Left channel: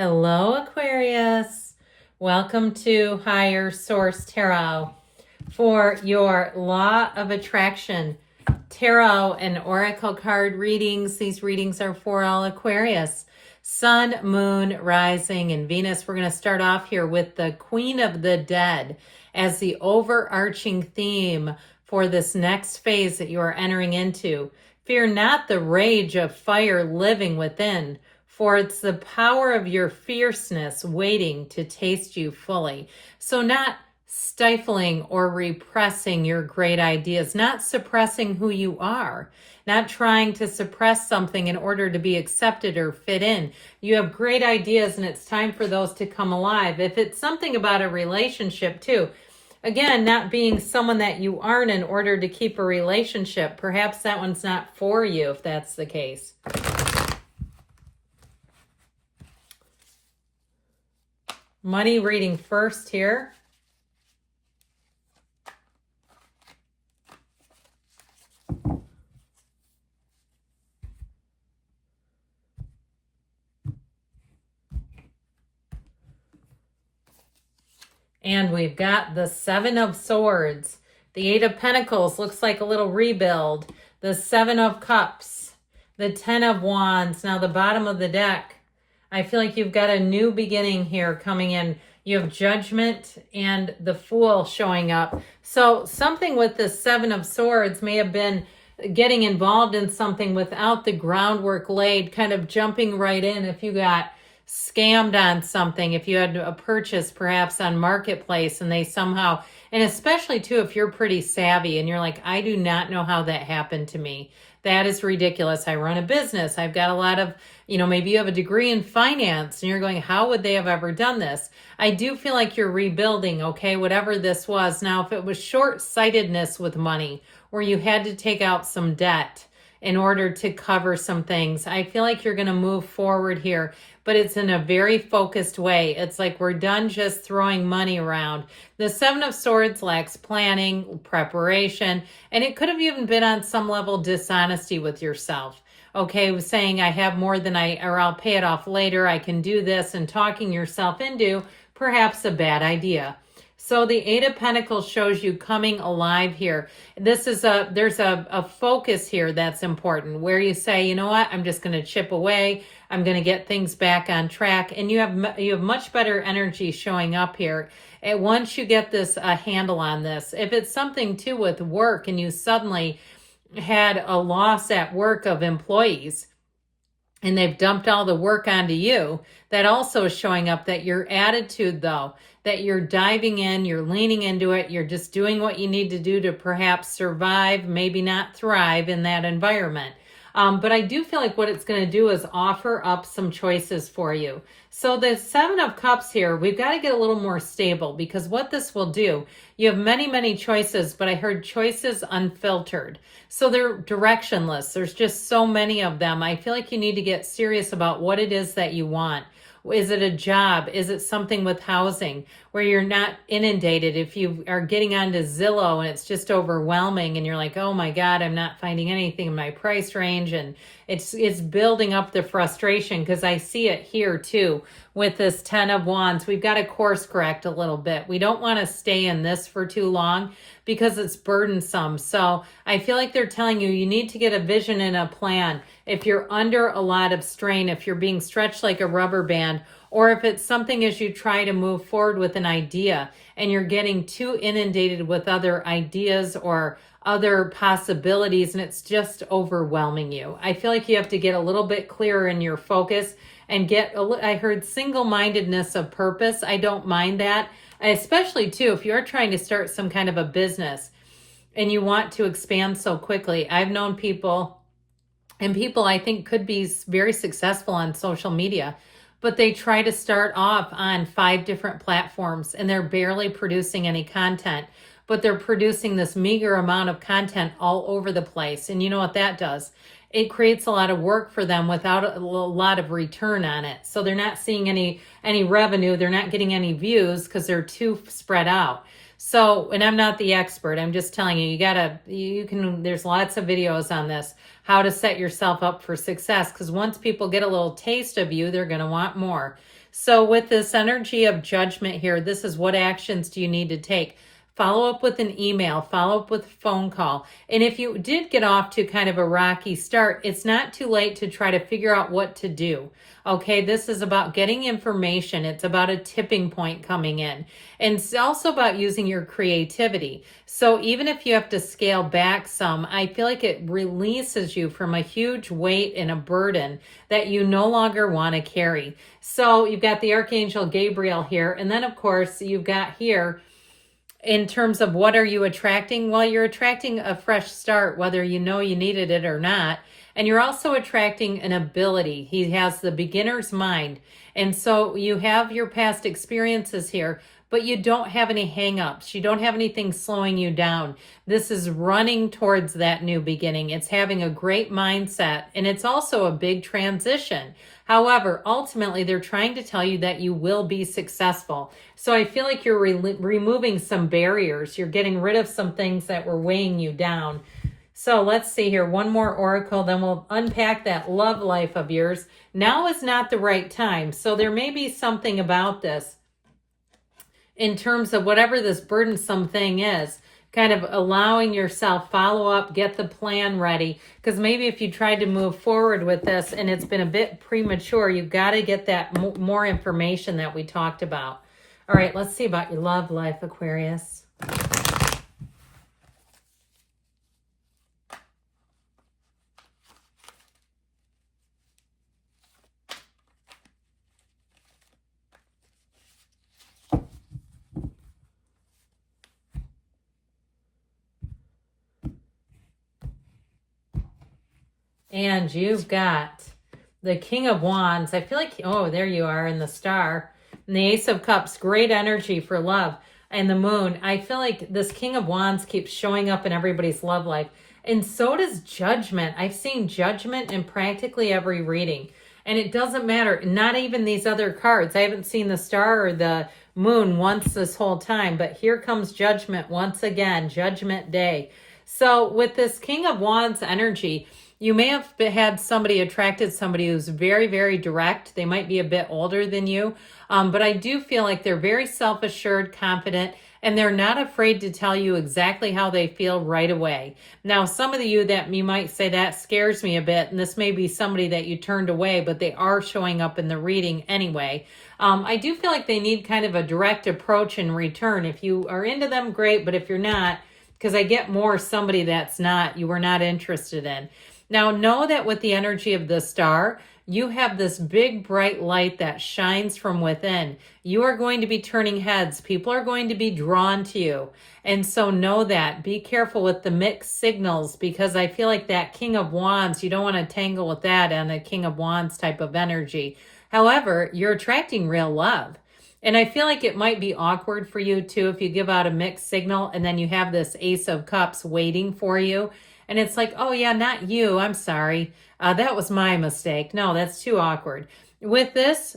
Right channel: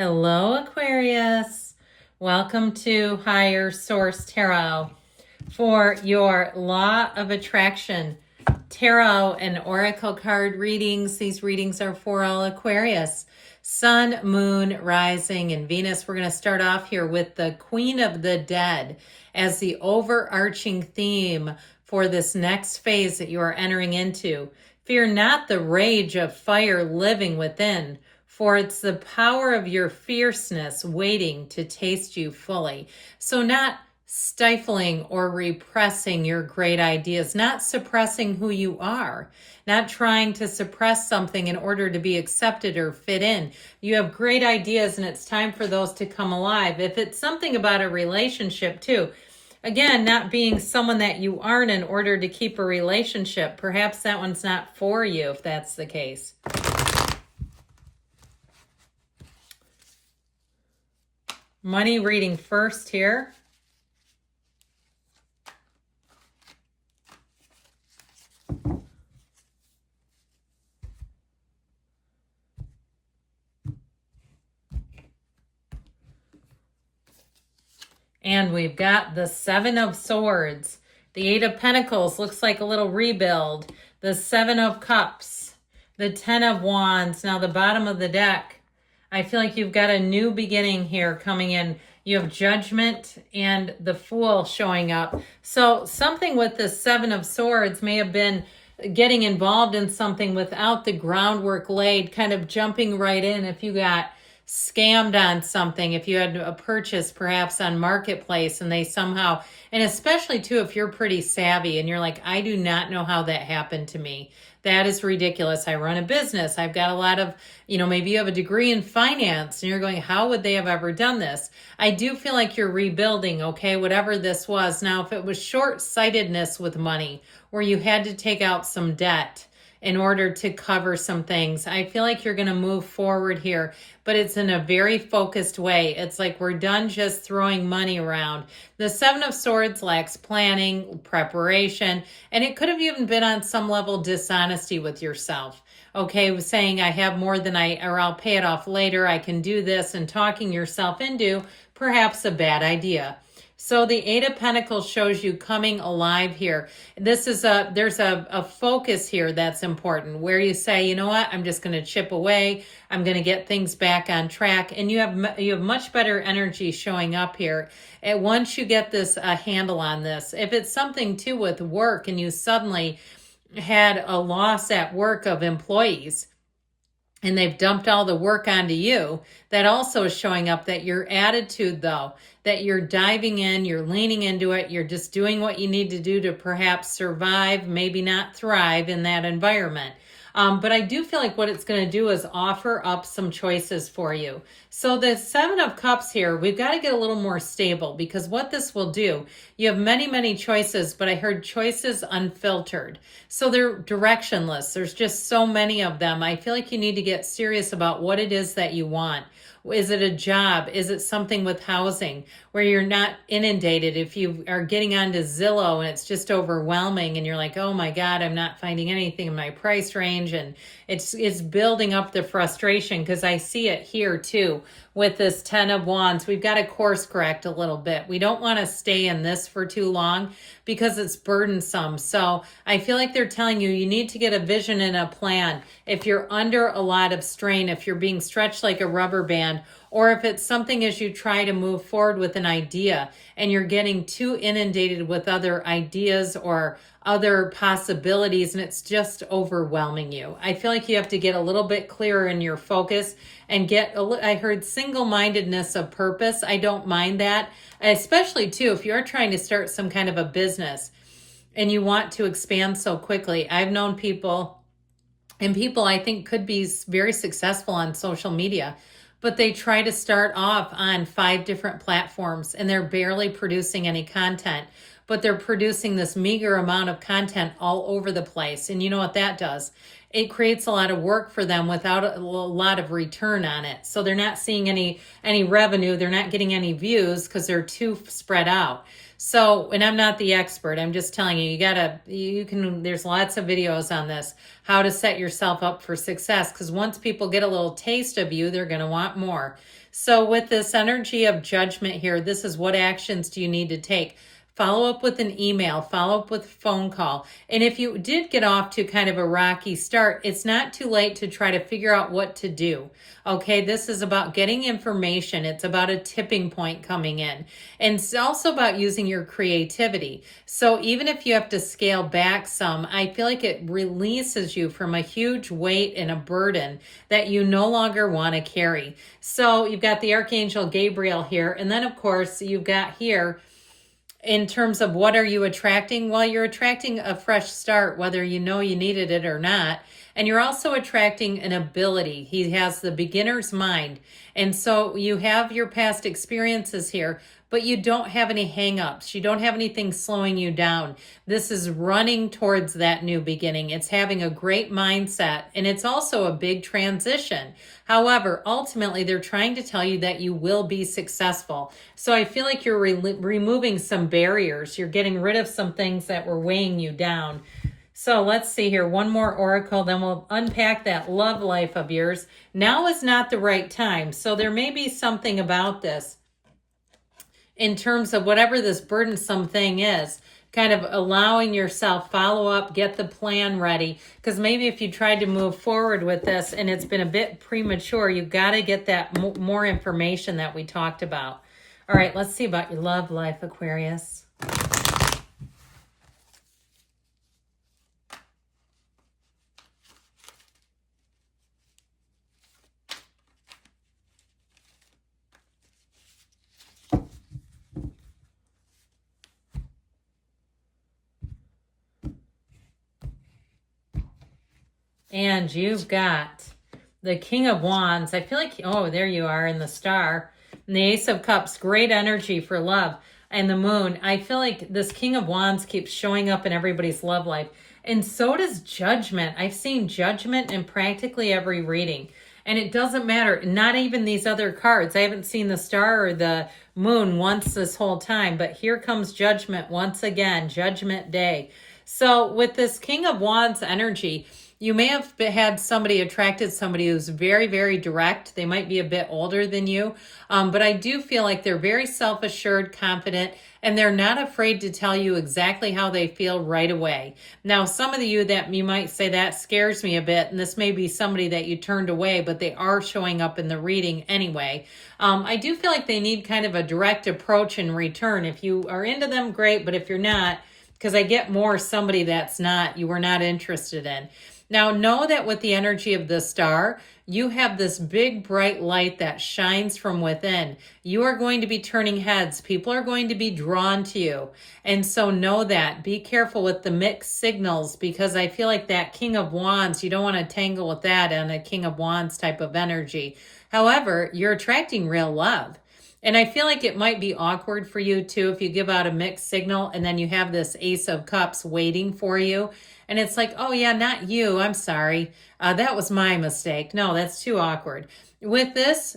Hello, Aquarius. Welcome to Higher Source Tarot for your Law of Attraction Tarot and Oracle card readings. These readings are for all Aquarius. Sun, Moon, Rising, and Venus. We're going to start off here with the Queen of the Dead as the overarching theme for this next phase that you are entering into. Fear not the rage of fire living within, for it's the power of your fierceness waiting to taste you fully. So not stifling or repressing your great ideas, not suppressing who you are, not trying to suppress something in order to be accepted or fit in. You have great ideas and it's time for those to come alive. If it's something about a relationship too, again, not being someone that you aren't in order to keep a relationship, perhaps that one's not for you if that's the case. Money reading first here. And we've got the Seven of Swords. The Eight of Pentacles looks like a little rebuild. The Seven of Cups. The Ten of Wands. Now the bottom of the deck. I feel like you've got a new beginning here coming in. You have Judgment and the Fool showing up. So something with the Seven of Swords may have been getting involved in something without the groundwork laid, kind of jumping right in if you got scammed on something, if you had a purchase perhaps on Marketplace and they somehow, and especially too if you're pretty savvy and you're like, I do not know how that happened to me. That is ridiculous. I run a business. I've got a lot of, maybe you have a degree in finance and you're going, how would they have ever done this? I do feel like you're rebuilding, okay, whatever this was. Now, if it was short-sightedness with money where you had to take out some debt in order to cover some things, I feel like you're going to move forward here, but it's in a very focused way. It's like we're done just throwing money around. The Seven of Swords lacks planning, preparation, and it could have even been on some level dishonesty with yourself. Okay, saying I have more than or I'll pay it off later, I can do this, and talking yourself into perhaps a bad idea. So the Eight of Pentacles shows you coming alive here. There's a focus here that's important where you say, you know what, I'm just going to chip away. I'm going to get things back on track. And you have much better energy showing up here. And once you get this handle on this, if it's something too with work and you suddenly had a loss at work of employees, and they've dumped all the work onto you, that also is showing up that your attitude, though, that you're diving in, you're leaning into it, you're just doing what you need to do to perhaps survive, maybe not thrive in that environment. But I do feel like what it's going to do is offer up some choices for you. So the Seven of Cups here, we've got to get a little more stable because what this will do, you have many, many choices, but I heard choices unfiltered. So they're directionless. There's just so many of them. I feel like you need to get serious about what it is that you want. Is it a job? Is it something with housing where you're not inundated? If you are getting onto Zillow and it's just overwhelming and you're like, oh my God, I'm not finding anything in my price range, and it's building up the frustration because I see it here too with this Ten of Wands. We've got to course correct a little bit. We don't want to stay in this for too long because it's burdensome. So I feel like they're telling you need to get a vision and a plan. If you're under a lot of strain, if you're being stretched like a rubber band, or if it's something as you try to move forward with an idea and you're getting too inundated with other ideas or other possibilities and it's just overwhelming you. I feel like you have to get a little bit clearer in your focus and I heard single-mindedness of purpose. I don't mind that, especially too, if you're trying to start some kind of a business and you want to expand so quickly. I've known people, and people I think could be very successful on social media, but they try to start off on 5 different platforms and they're barely producing any content, but they're producing this meager amount of content all over the place. And you know what that does? It creates a lot of work for them without a lot of return on it. So they're not seeing any revenue. They're not getting any views because they're too spread out. So, and I'm not the expert. I'm just telling you, there's lots of videos on this, how to set yourself up for success. Because once people get a little taste of you, they're going to want more. So with this energy of judgment here, this is what actions do you need to take? Follow up with an email, follow up with a phone call. And if you did get off to kind of a rocky start, it's not too late to try to figure out what to do. Okay, this is about getting information. It's about a tipping point coming in. And it's also about using your creativity. So even if you have to scale back some, I feel like it releases you from a huge weight and a burden that you no longer want to carry. So you've got the Archangel Gabriel here. And then, of course, you've got here, in terms of what are you attracting? Well, you're attracting a fresh start, whether you know you needed it or not. And you're also attracting an ability. He has the beginner's mind. And so you have your past experiences here, but you don't have any hang-ups. You don't have anything slowing you down. This is running towards that new beginning. It's having a great mindset, and it's also a big transition. However, ultimately, they're trying to tell you that you will be successful. So I feel like you're removing some barriers. You're getting rid of some things that were weighing you down. So let's see here. One more oracle, then we'll unpack that love life of yours. Now is not the right time. So there may be something about this in terms of whatever this burdensome thing is, kind of allowing yourself follow up, get the plan ready. Because maybe if you tried to move forward with this and it's been a bit premature, you've got to get that more information that we talked about. All right, let's see about your love life, Aquarius. And you've got the King of Wands. I feel like, oh, there you are in the Star. And the Ace of Cups, great energy for love. And the Moon. I feel like this King of Wands keeps showing up in everybody's love life. And so does Judgment. I've seen Judgment in practically every reading. And it doesn't matter. Not even these other cards. I haven't seen the Star or the Moon once this whole time. But here comes Judgment once again. Judgment Day. So with this King of Wands energy, you may have had attracted somebody who's very, very direct. They might be a bit older than you. But I do feel like they're very self-assured, confident, and they're not afraid to tell you exactly how they feel right away. Now, some of you that you might say that scares me a bit, and this may be somebody that you turned away, but they are showing up in the reading anyway. I do feel like they need kind of a direct approach in return. If you are into them, great, but if you're not, because I get more somebody that's not, you were not interested in. Now, know that with the energy of the Star, you have this big bright light that shines from within. You are going to be turning heads. People are going to be drawn to you. And so know that. Be careful with the mixed signals, because I feel like that King of Wands, you don't want to tangle with that and a King of Wands type of energy. However, you're attracting real love. And I feel like it might be awkward for you too if you give out a mixed signal and then you have this Ace of Cups waiting for you. And it's like, oh yeah, not you. I'm sorry. That was my mistake. No, that's too awkward. With this,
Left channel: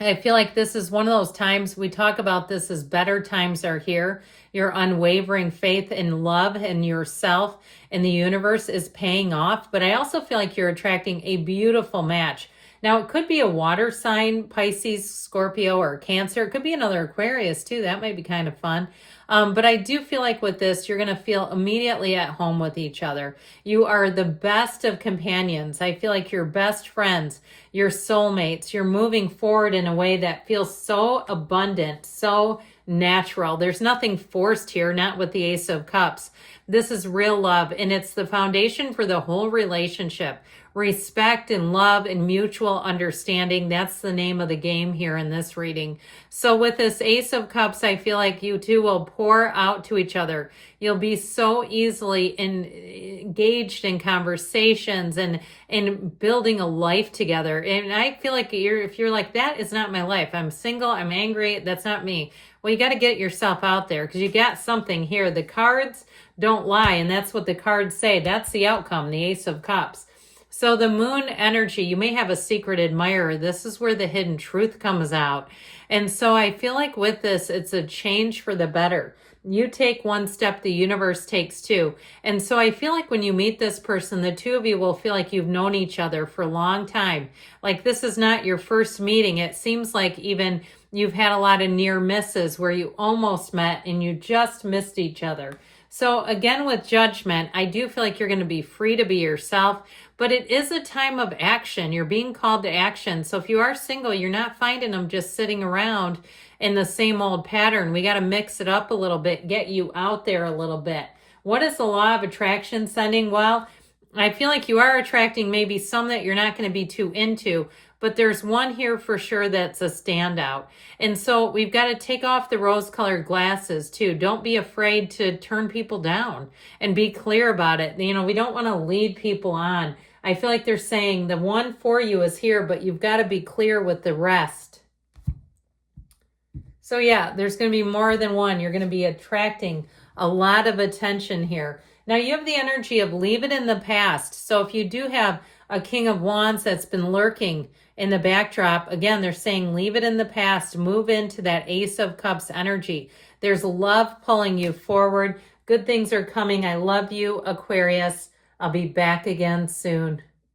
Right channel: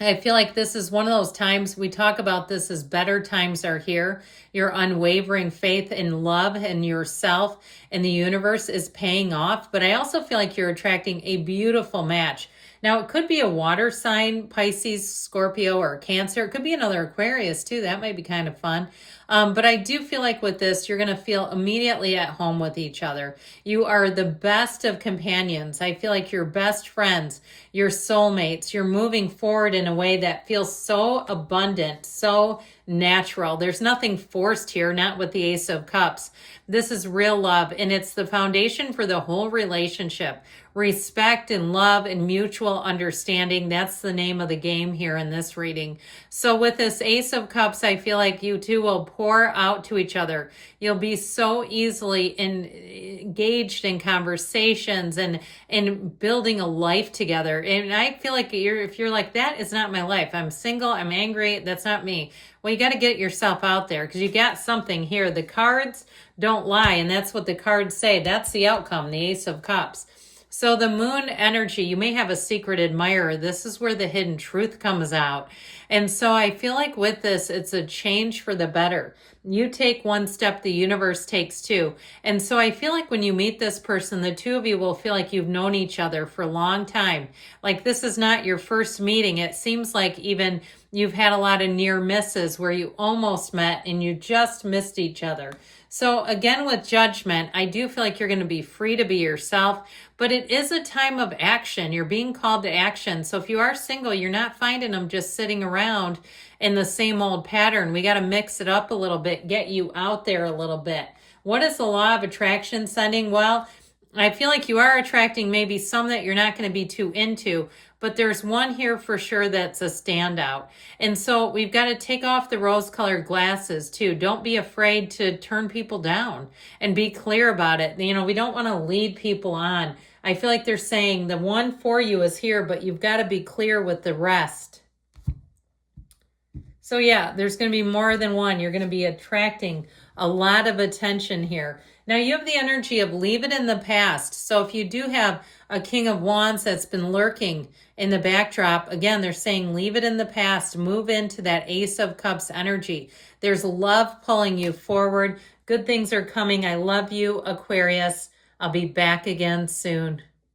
I feel like this is one of those times we talk about this as better times are here. Your unwavering faith in love and yourself and the universe is paying off. But I also feel like you're attracting a beautiful match. Now, it could be a water sign, Pisces, Scorpio, or Cancer. It could be another Aquarius, too. That might be kind of fun. But I do feel like with this, you're going to feel immediately at home with each other. You are the best of companions. I feel like you're best friends, your soulmates. You're moving forward in a way that feels so abundant, so natural. There's nothing forced here, not with the Ace of Cups. This is real love, and it's the foundation for the whole relationship. Respect and love and mutual understanding. That's the name of the game here in this reading. So with this Ace of Cups, I feel like you two will pour out to each other. You'll be so easily engaged in conversations and in building a life together. And I feel like if you're like, that is not my life. I'm single, I'm angry, that's not me. Well, you got to get yourself out there because you got something here. The cards don't lie, and that's what the cards say. That's the outcome, the Ace of Cups. So the Moon energy, you may have a secret admirer. This is where the hidden truth comes out. And so I feel like with this, it's a change for the better. You take one step, the universe takes two. And so I feel like when you meet this person, the two of you will feel like you've known each other for a long time. Like this is not your first meeting. It seems like even you've had a lot of near misses where you almost met and you just missed each other. So again, with Judgment, I do feel like you're going to be free to be yourself, but it is a time of action. You're being called to action. So if you are single, you're not finding them just sitting around in the same old pattern. We got to mix it up a little bit, get you out there a little bit. What is the law of attraction sending? Well, I feel like you are attracting maybe some that you're not going to be too into, but there's one here for sure that's a standout. And so we've got to take off the rose-colored glasses too. Don't be afraid to turn people down and be clear about it. You know, we don't want to lead people on. I feel like they're saying the one for you is here, but you've got to be clear with the rest. So yeah, there's going to be more than one. You're going to be attracting a lot of attention here. Now you have the energy of leave it in the past. So if you do have a King of Wands that's been lurking in the backdrop, again, they're saying leave it in the past, move into that Ace of Cups energy. There's love pulling you forward. Good things are coming. I love you, Aquarius. I'll be back again soon.